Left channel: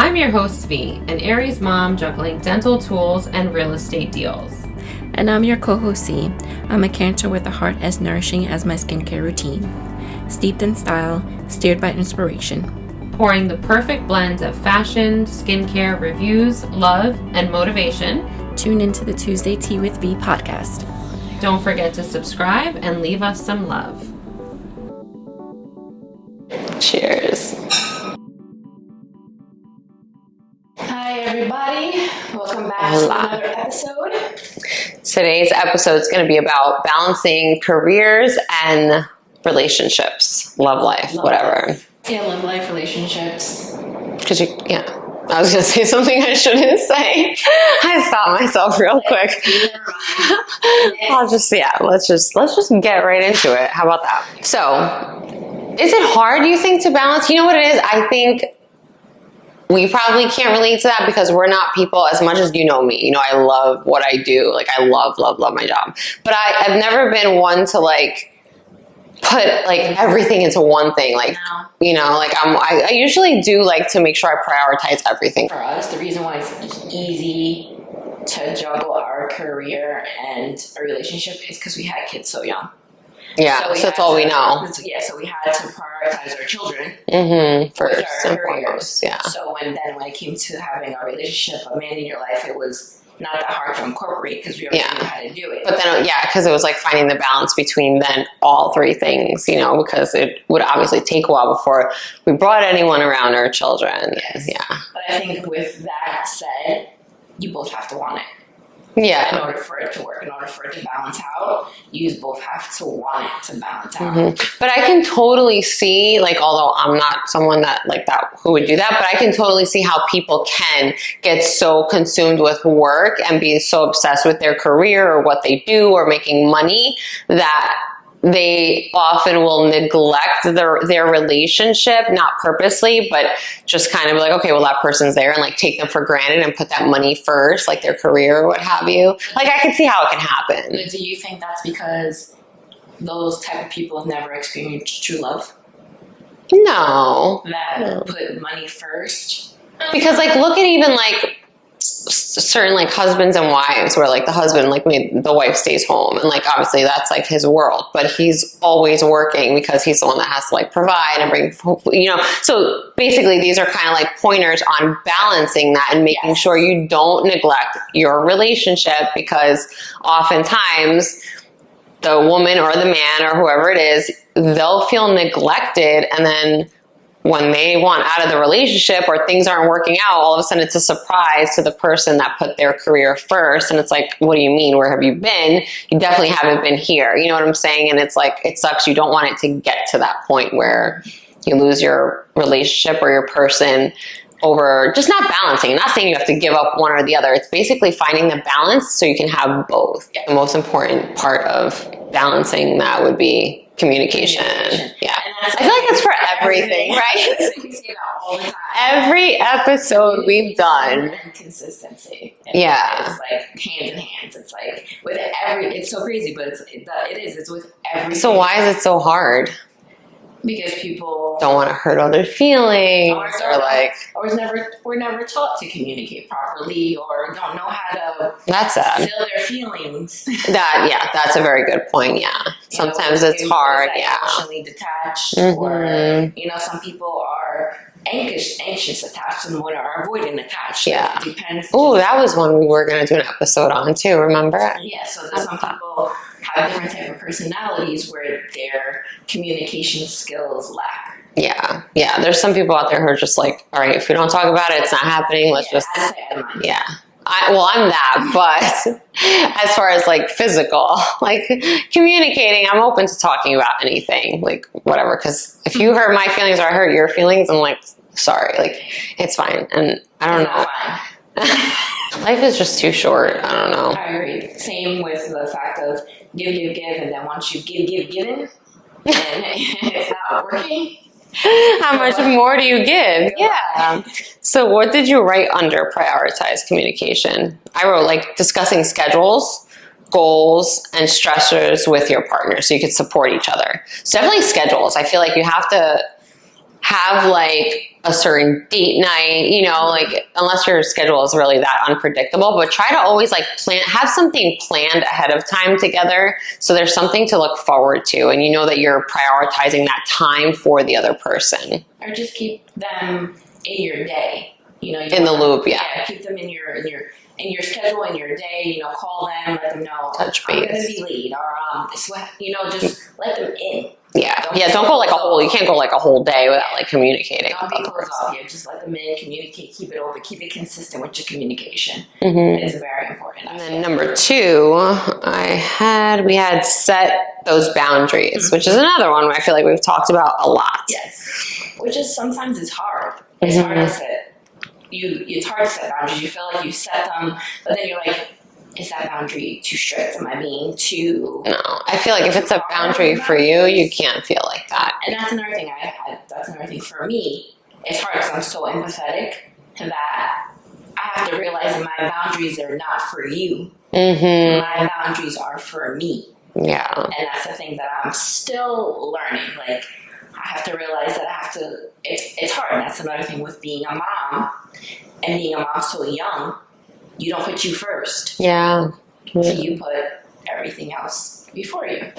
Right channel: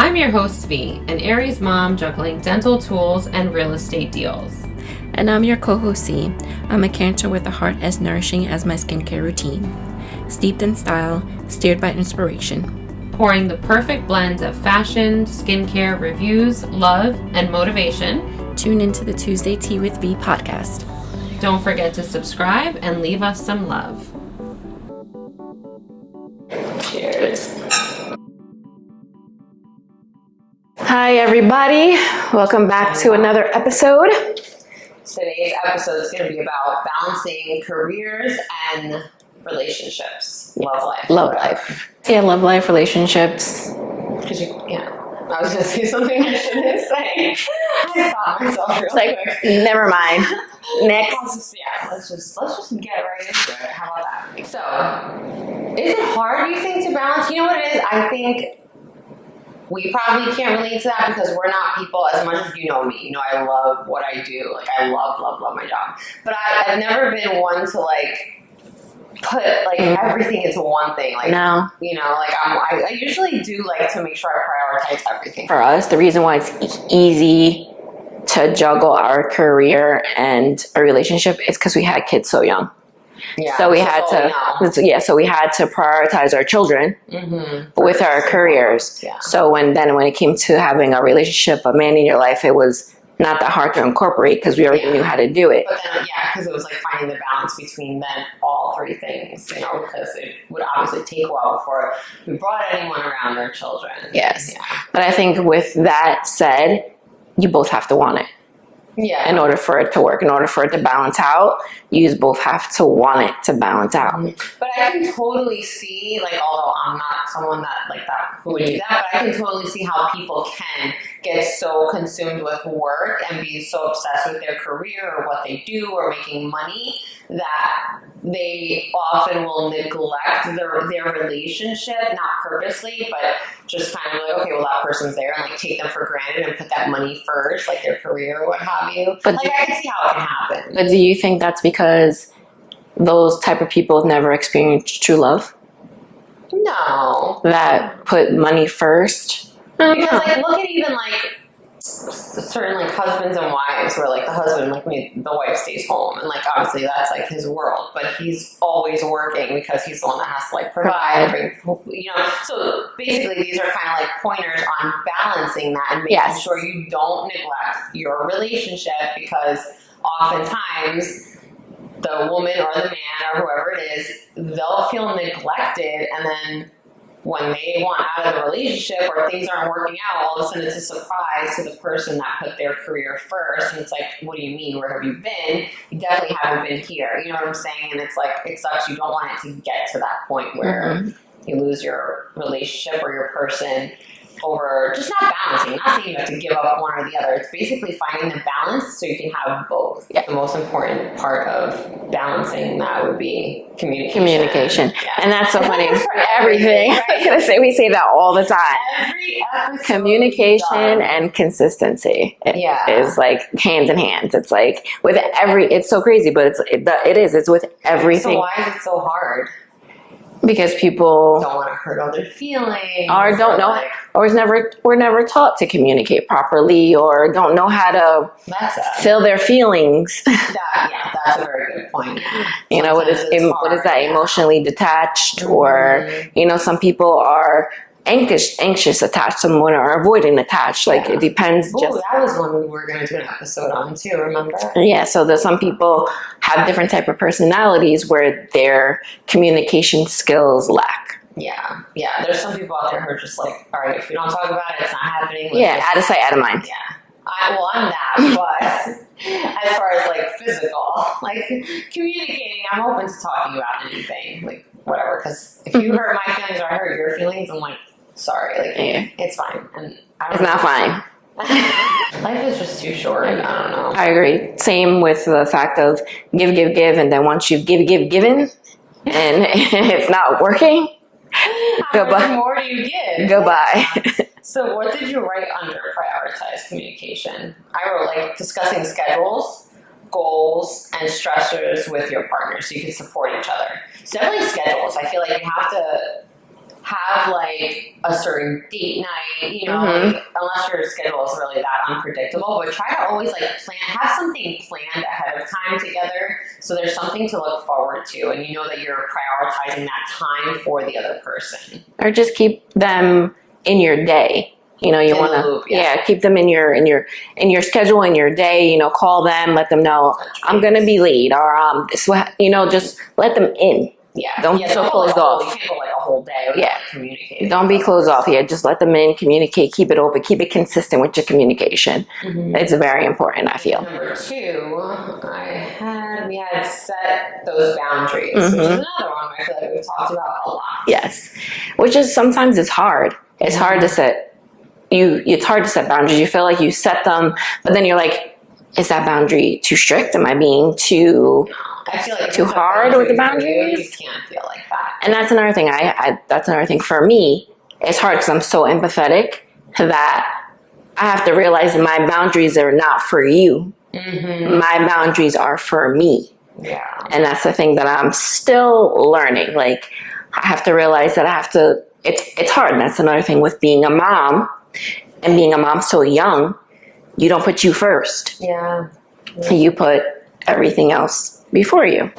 I'm your host, V, an Aries mom juggling dental tools and real estate deals. And I'm your co-host, C. I'm a Cancer with a heart as nourishing as my skincare routine. Steeped in style, steered by inspiration. Pouring the perfect blends of fashion, skincare, reviews, love, and motivation. Tune into the Tuesday Tea with V podcast. Don't forget to subscribe and leave us some love. Cheers. Hi, everybody. Welcome back to another episode. Today's episode is going to be about balancing careers and relationships, love life, whatever. Yeah, love life, relationships. Because I was going to say something I shouldn't say. I stopped myself real quick. Never mind. Next, let's just get right into it. How about that? So, is it hard, do you think, to balance? You know what it is? I think we probably can't relate to that because we're not people as much as you know me. You know, I love what I do. Like, I love my job. But I've never been one to, put, everything into one thing. No. You know, I usually do like to make sure I prioritize everything. For us, the reason why it's easy to juggle our career and a relationship is because we had kids so young. Yeah, so that's all we know. Yeah, so we had to prioritize our children with our careers. Yeah. So when it came to having a relationship, a man in your life, it was not that hard to incorporate because we already knew how to do it. But then, because it was like finding the balance between then all three things, you know, because it would obviously take a while before we brought anyone around our children. Yes. Yeah. But I think with that said, you both have to want it. Yeah. In order for it to work, in order for it to balance out, you both have to want it to balance out. But I can totally see, although I'm not someone that who would do that, but I can totally see how people can get so consumed with work and be so obsessed with their career or what they do or making money that they often will neglect their relationship, not purposely, but just kind of okay, well, that person's there, and take them for granted and put that money first, their career or what have you. But I can see how it can happen. But do you think that's because those type of people have never experienced true love? No. That put money first? Because look at even certain husbands and wives where the husband the wife stays home and obviously that's his world, but he's always working because he's the one that has to provide and bring, so basically these are kind of pointers on balancing that and making sure you don't neglect your relationship, because oftentimes the woman or the man or whoever it is, they'll feel neglected, and then when they want out of the relationship or things aren't working out, all of a sudden it's a surprise to the person that put their career first. And it's what do you mean? Where have you been? You definitely haven't been here. You know what I'm saying? And it's it sucks. You don't want it to get to that point where you lose your relationship or your person over just not balancing. I'm not saying you have to give up one or the other. It's basically finding the balance so you can have both. Yeah. The most important part of balancing that would be communication. Yeah. And that's I feel like that's for everything, right? We say that all the time. Every episode we've done. And consistency is hands in hands. It's with it's so crazy, but it's with everything. So why is it so hard? Because people don't want to hurt other feelings, or don't know, or we're never taught to communicate properly, or don't know how to feel their feelings. That's a very good point. Yeah, sometimes it's hard. What is that? Emotionally detached, or some people are anxious attached, someone are avoiding attached. It depends. Oh, that was one we were going to do an episode on too. Remember? Yeah. So there's some people have different type of personalities where their communication skills lack. Yeah. There's some people out there who are just all right, if we don't talk about it, it's not happening. Let's just out of sight, out of mind. Yeah. I'm that, but as far as physical, communicating, I'm open to talking about anything, whatever. Because if you hurt my feelings or I hurt your feelings, I'm sorry, it's fine. And I don't know. It's not fine. Life is just too short. I don't know. I agree. Same with the fact of give, and then once you've given, and it's not working, how much more do you give? Goodbye. So what did you write under prioritize communication? I wrote discussing schedules, goals, and stressors with your partner so you could support each other. So definitely schedules. I feel like you have to have like a certain date night, you know, like unless your schedule is really that unpredictable, but try to always like have something planned ahead of time together. So there's something to look forward to. And you know that you're prioritizing that time for the other person. Or just keep them in your day. You know, you In want the loop, yeah. keep them in your schedule, in your day. You know, call them, let them know I'm going to be late, or you know, just let them in. Yeah, don't go like a whole. You can't go like a whole day without like communicating. Don't be closed off. Yeah, just let them in, communicate, keep it open, keep it consistent with your communication. It's very important, I feel. Number 2, we had set those boundaries, which is another one I feel like we've talked about a lot. Yes, which is sometimes it's hard. It's hard to set. It's hard to set boundaries. You feel like you set them, but then you're like, is that boundary too strict? Am I being too? No, I feel like if it's a boundary for you, you can't feel like that. And that's another thing. That's another thing for me. It's hard because I'm so empathetic that I have to realize that my boundaries are not for you. My boundaries are for me. Yeah, and that's the thing that I'm still learning. Like, I have to realize that I have to. It's hard. And that's another thing with being a mom, and being a mom so young. You don't put you first. Yeah. You put everything else before you.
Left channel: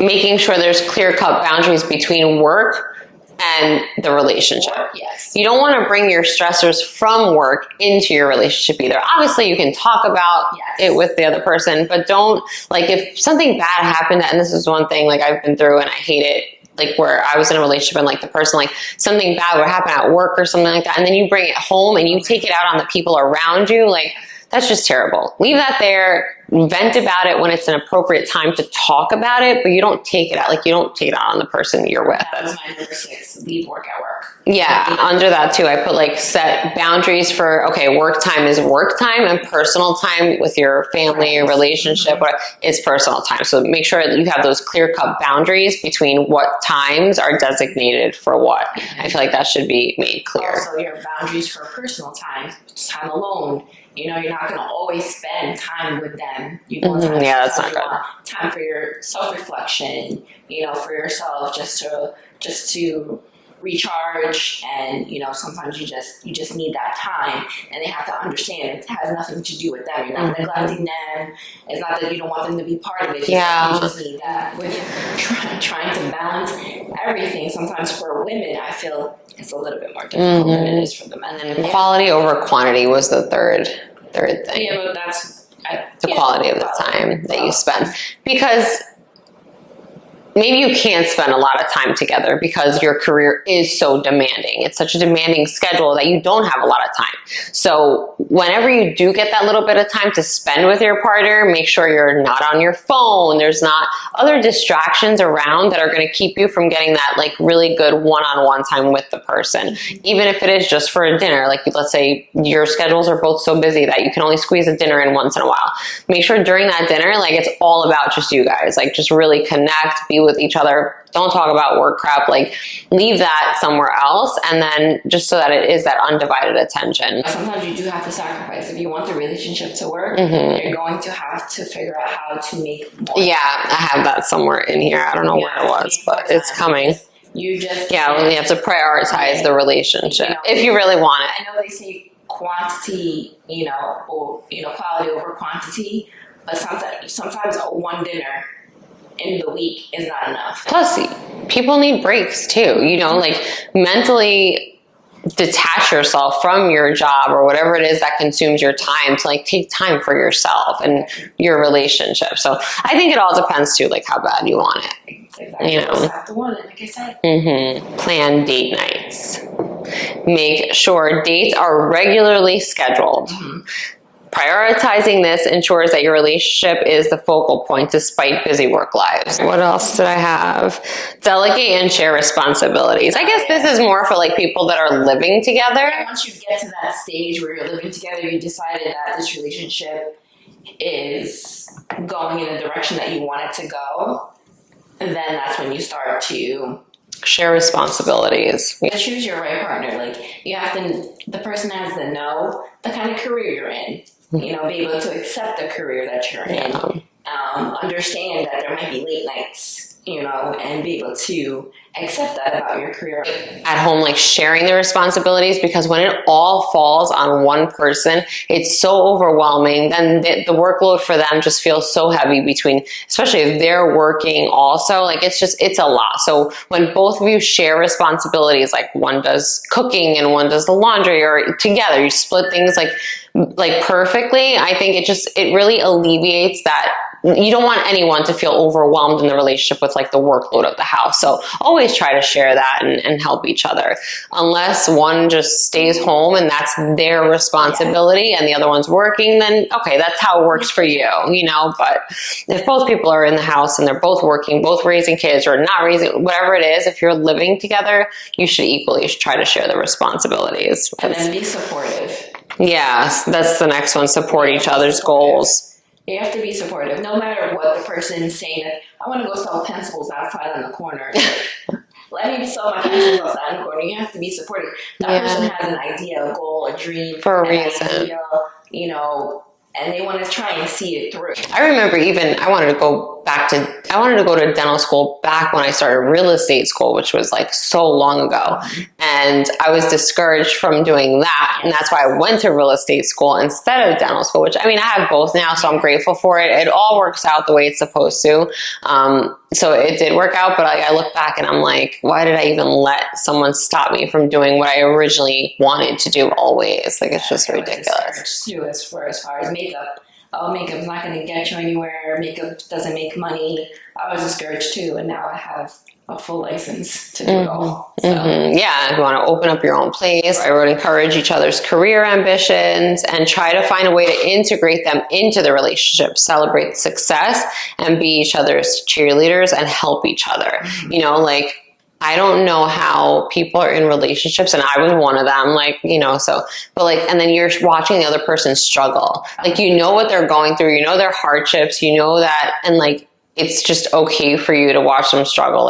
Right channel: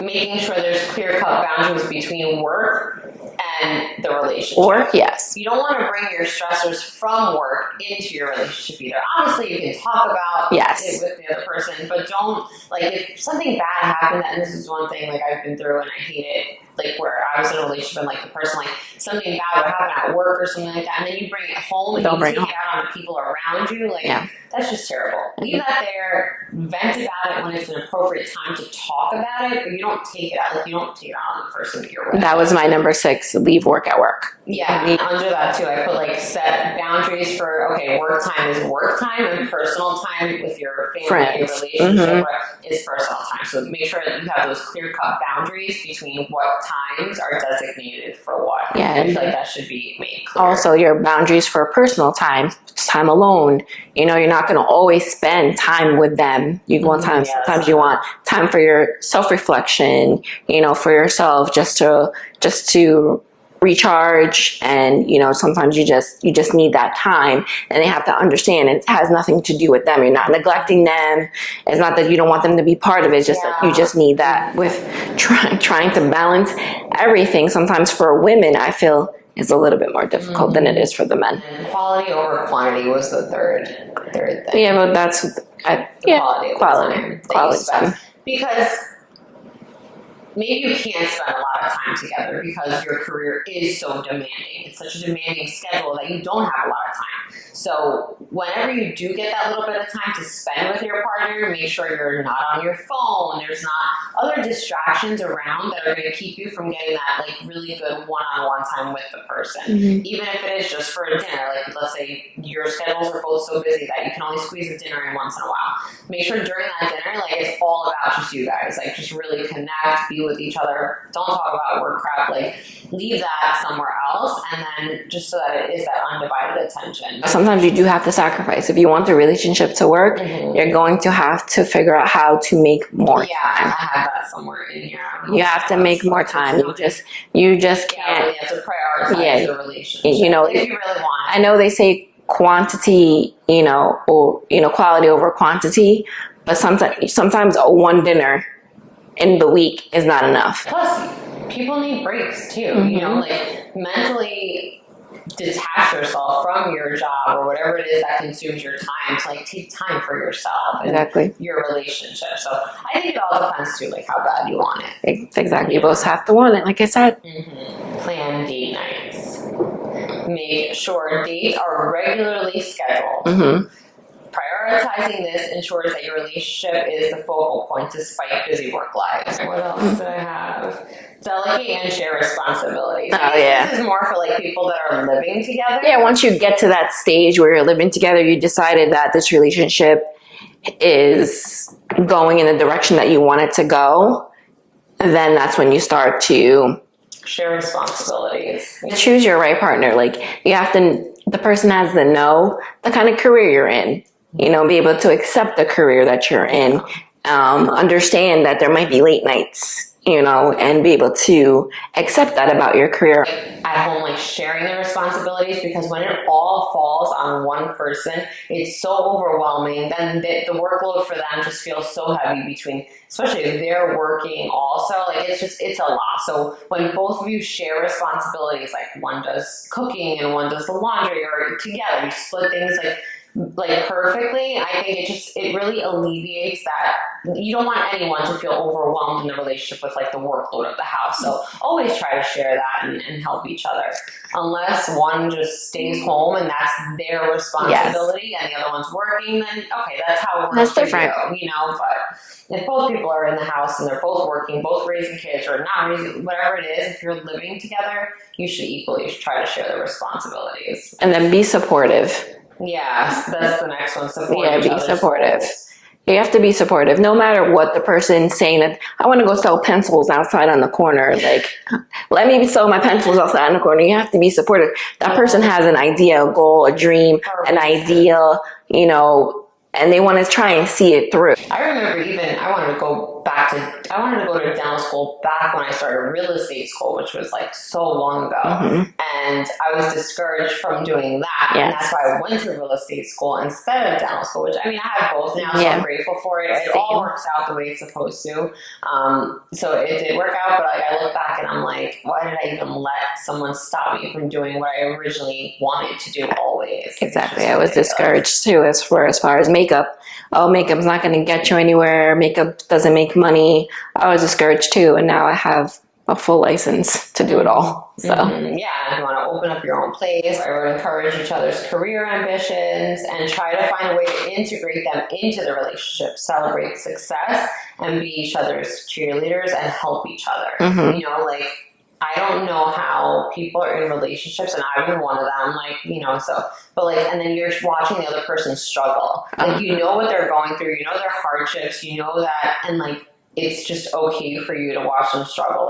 Making sure there's clear-cut boundaries between work and the relationship. Work, yes. You don't want to bring your stressors from work into your relationship either. Obviously, you can talk about it with the other person, but don't, like, if something bad happened, and this is one thing, like, I've been through and I hate it, like where I was in a relationship and like the person, like something bad would happen at work or something like that. And then you bring it home and you take it out on the people around you. Like, that's just terrible. Leave that there. Vent about it when it's an appropriate time to talk about it, but you don't take it out. Like, you don't take it out on the person that you're with. That was my number 6, leave work at work. Yeah. Under that too, I put like set boundaries for, okay, work time is work time and personal time with your family, your relationship is personal time. So make sure that you have those clear cut boundaries between what times are designated for what. Yeah. I feel like that should be made clear. Also, your boundaries for personal time alone. You know, you're not going to always spend time with them. You want time. Sometimes you want time for your self-reflection. You know, for yourself, just to recharge. And you know, sometimes you just need that time. And they have to understand it has nothing to do with them. You're not neglecting them. It's not that you don't want them to be part of it. It's just that you just need that. With trying to balance everything, sometimes for women, I feel is a little bit more difficult than it is for the men. And quality over quantity was the third thing. Yeah, but that's the quality of the time that you spend. Because maybe you can't spend a lot of time together because your career is so demanding. It's such a demanding schedule that you don't have a lot of time. So whenever you do get that little bit of time to spend with your partner, make sure you're not on your phone. There's not other distractions around that are going to keep you from getting that like really good one-on-one time with the person. Even if it is just for a dinner, like let's say your schedules are both so busy that you can only squeeze a dinner in once in a while. Make sure during that dinner, like it's all about just you guys, like just really connect, be with each other. Don't talk about work crap. Like leave that somewhere else, and then just so that it is that undivided attention. Sometimes you do have to sacrifice. If you want the relationship to work, you're going to have to figure out how to make more time. I have that somewhere in here. I don't know. You have to make more time. It's coming. You just you have to prioritize the relationship. You know, if you really want it. I know they say quantity, or quality over quantity, but sometimes a one dinner in the week is not enough. Plus, people need breaks too. You know, like mentally detach yourself from your job or whatever it is that consumes your time to like take time for yourself and your relationship. So I think it all depends too, like how bad you want it. Exactly. You both have to want it, like I said. Plan date nights. Make sure dates are regularly scheduled. Prioritizing this ensures that your relationship is the focal point despite busy work lives. What else did I have? Delegate and share responsibilities. I guess this is more for like people that are living together. Yeah, once you get to that stage where you're living together, you decided that this relationship is going in the direction that you want it to go, then that's when you start to share responsibilities. Choose your right partner. Like the person has to know the kind of career you're in. Be able to accept the career that you're in. Understand that there might be late nights. and be able to accept that about your career. At home, like sharing the responsibilities, because when it all falls on one person, it's so overwhelming. Then the workload for them just feels so heavy especially if they're working also, like it's a lot. So when both of you share responsibilities, like one does cooking and one does the laundry, or together you split things like perfectly, I think it really alleviates that. You don't want anyone to feel overwhelmed in the relationship with like the workload of the house. So always try to share that and help each other. Unless one just stays home and that's their responsibility, and the other one's working, then okay, that's how it works for you, But if both people are in the house and they're both working, both raising kids or not raising, whatever it is, if you're living together, you should equally try to share the responsibilities. And then be supportive. Yeah, that's the next one. Support each other's goals. You have to be supportive, no matter what the person's saying. That I want to go sell pencils outside on the corner. Like, let me sell my pencils outside on the corner. You have to be supportive. That person has an idea, a goal, a dream, an idea, and they want to try and see it through. I remember I wanted to go to dental school back when I started real estate school, which was like so long ago. Mm-hmm. And I was discouraged from doing that. Yes. And that's why I went to real estate school instead of dental school, which I have both now. So I'm grateful for it. It all works out the way it's supposed to. So it did work out, but I look back and I'm like, why did I even let someone stop me from doing what I originally wanted to do always? Like, exactly. I was discouraged too, as far as makeup. Oh, makeup's not going to get you anywhere. Makeup doesn't make money. I was discouraged too. And now I have a full license to do it all. So yeah, you want to open up your own place. I would encourage each other's career ambitions and try to find a way to integrate them into the relationship, celebrate success, and be each other's cheerleaders and help each other. Mm-hmm. I don't know how people are in relationships, and I was one of them, and then you're watching the other person struggle. You know what they're going through, you know their hardships, you know that, and it's just okay for you to watch them struggle.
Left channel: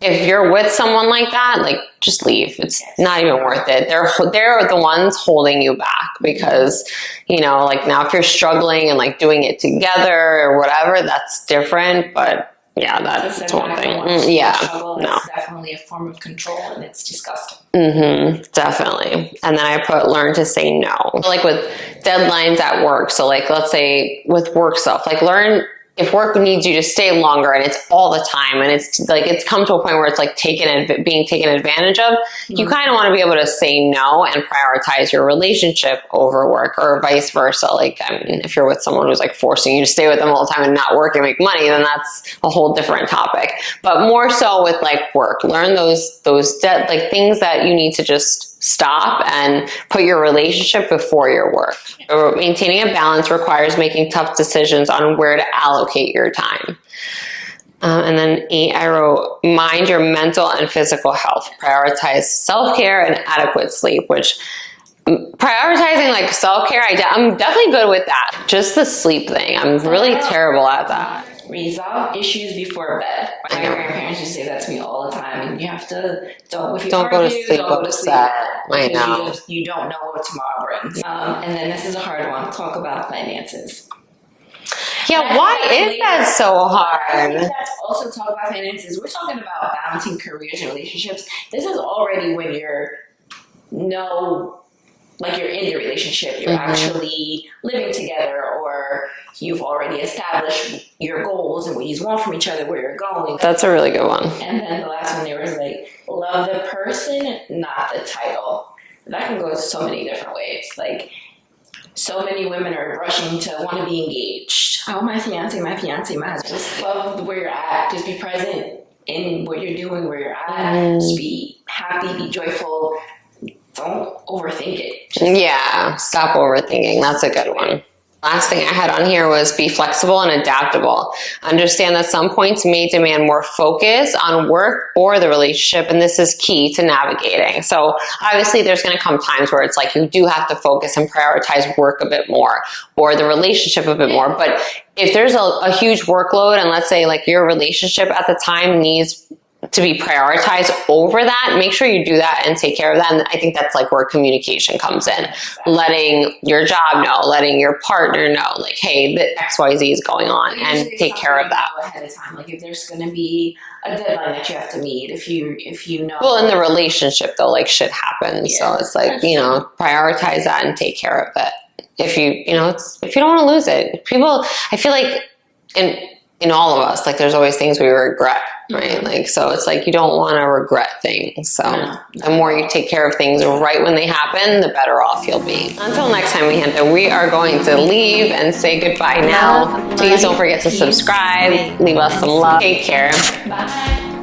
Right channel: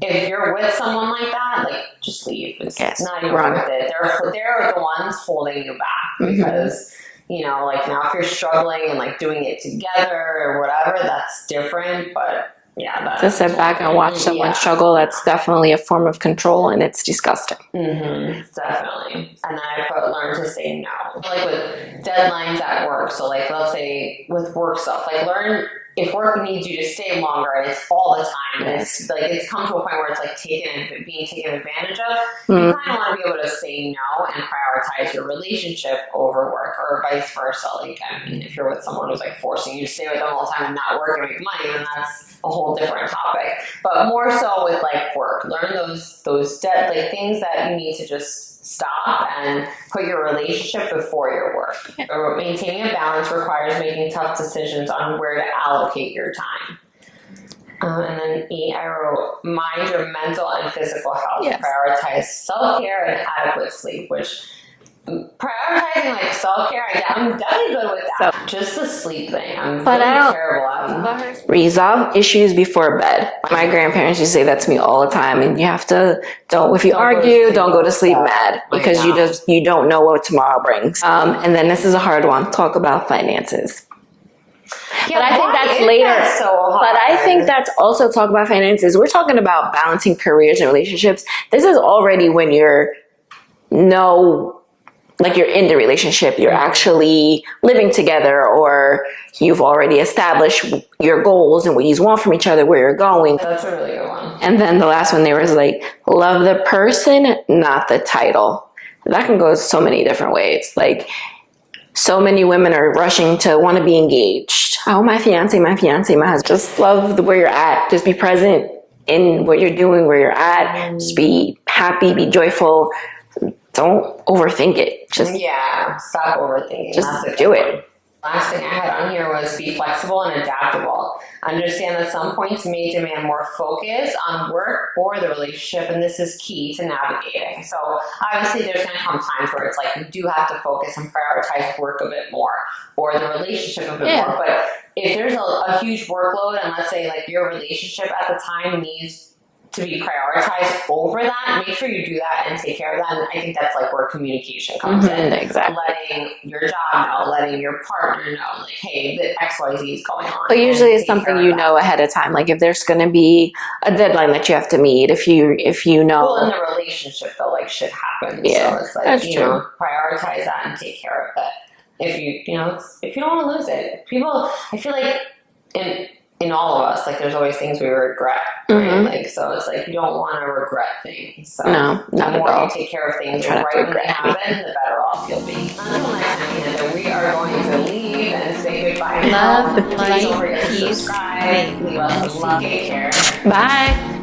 If you're with someone like that, just leave. It's not even worth it. They're the ones holding you back because, now if you're struggling and doing it together or whatever, that's different, but yeah, that's to sit back and watch someone struggle. That's definitely a form of control, and it's disgusting. Mm-hmm, definitely. And then I learn to say no. With deadlines at work. So let's say with work stuff, learn if work needs you to stay longer and it's all the time and it's come to a point where it's being taken advantage of, you kind of want to be able to say no and prioritize your relationship over work, or vice versa. If you're with someone who's forcing you to stay with them all the time and not work and make money, then that's a whole different topic. But more so with work, learn those things that you need to just stop and put your relationship before your work. Maintaining a balance requires making tough decisions on where to allocate your time. And then 8, I wrote, mind your mental and physical health. Yes. Prioritize self-care and adequate sleep, which prioritizing self-care, I'm definitely good with that. Just the sleep thing, I'm really terrible at that. Resolve issues before bed. My grandparents used to say that to me all the time, and you have to don't go to sleep mad, because you don't know what tomorrow brings. And then this is a hard one. Talk about finances. Yeah, that's so hard? But I think that's also talk about finances. We're talking about balancing careers and relationships. This is already when you're in the relationship, you're actually living together, or you've already established your goals and what you want from each other, where you're going. That's a really good one. And then the last one there was love the person, not the title. That can go so many different ways. So many women are rushing to want to be engaged. Oh, my fiance, my husband. Just love where you're at. Just be present in what you're doing, where you're at. Just be happy, be joyful. Don't overthink it. Stop overthinking. That's a good one. Last thing I had on here was be flexible and adaptable. Understand that some points may demand more focus on work or the relationship, and this is key to navigating. So obviously there's going to come times where it's you do have to focus and prioritize work a bit more, or the relationship a bit more. But if there's a huge workload, and let's say your relationship at the time needs to be prioritized over that, make sure you do that and take care of that. And I think that's like where communication comes in. Exactly. Letting your job know, letting your partner know, like, hey, the XYZ is going on. But usually it's take something care of you that. know ahead of time. Like if there's going to be a deadline that you have to meet, if you know. Well, in the relationship though, like shit happens. Yeah, so it's like, that's you true. know, prioritize that and take care of it. If you know, if you don't want to lose it, people, I feel like in all of us, like there's always things we regret, right? Like, so it's like, you don't want to regret things. So the more you take care of things right when they happen, the better off you'll be. Until next time, we are going to leave and say goodbye now. Please don't forget to subscribe, leave us some love. Take care. Bye.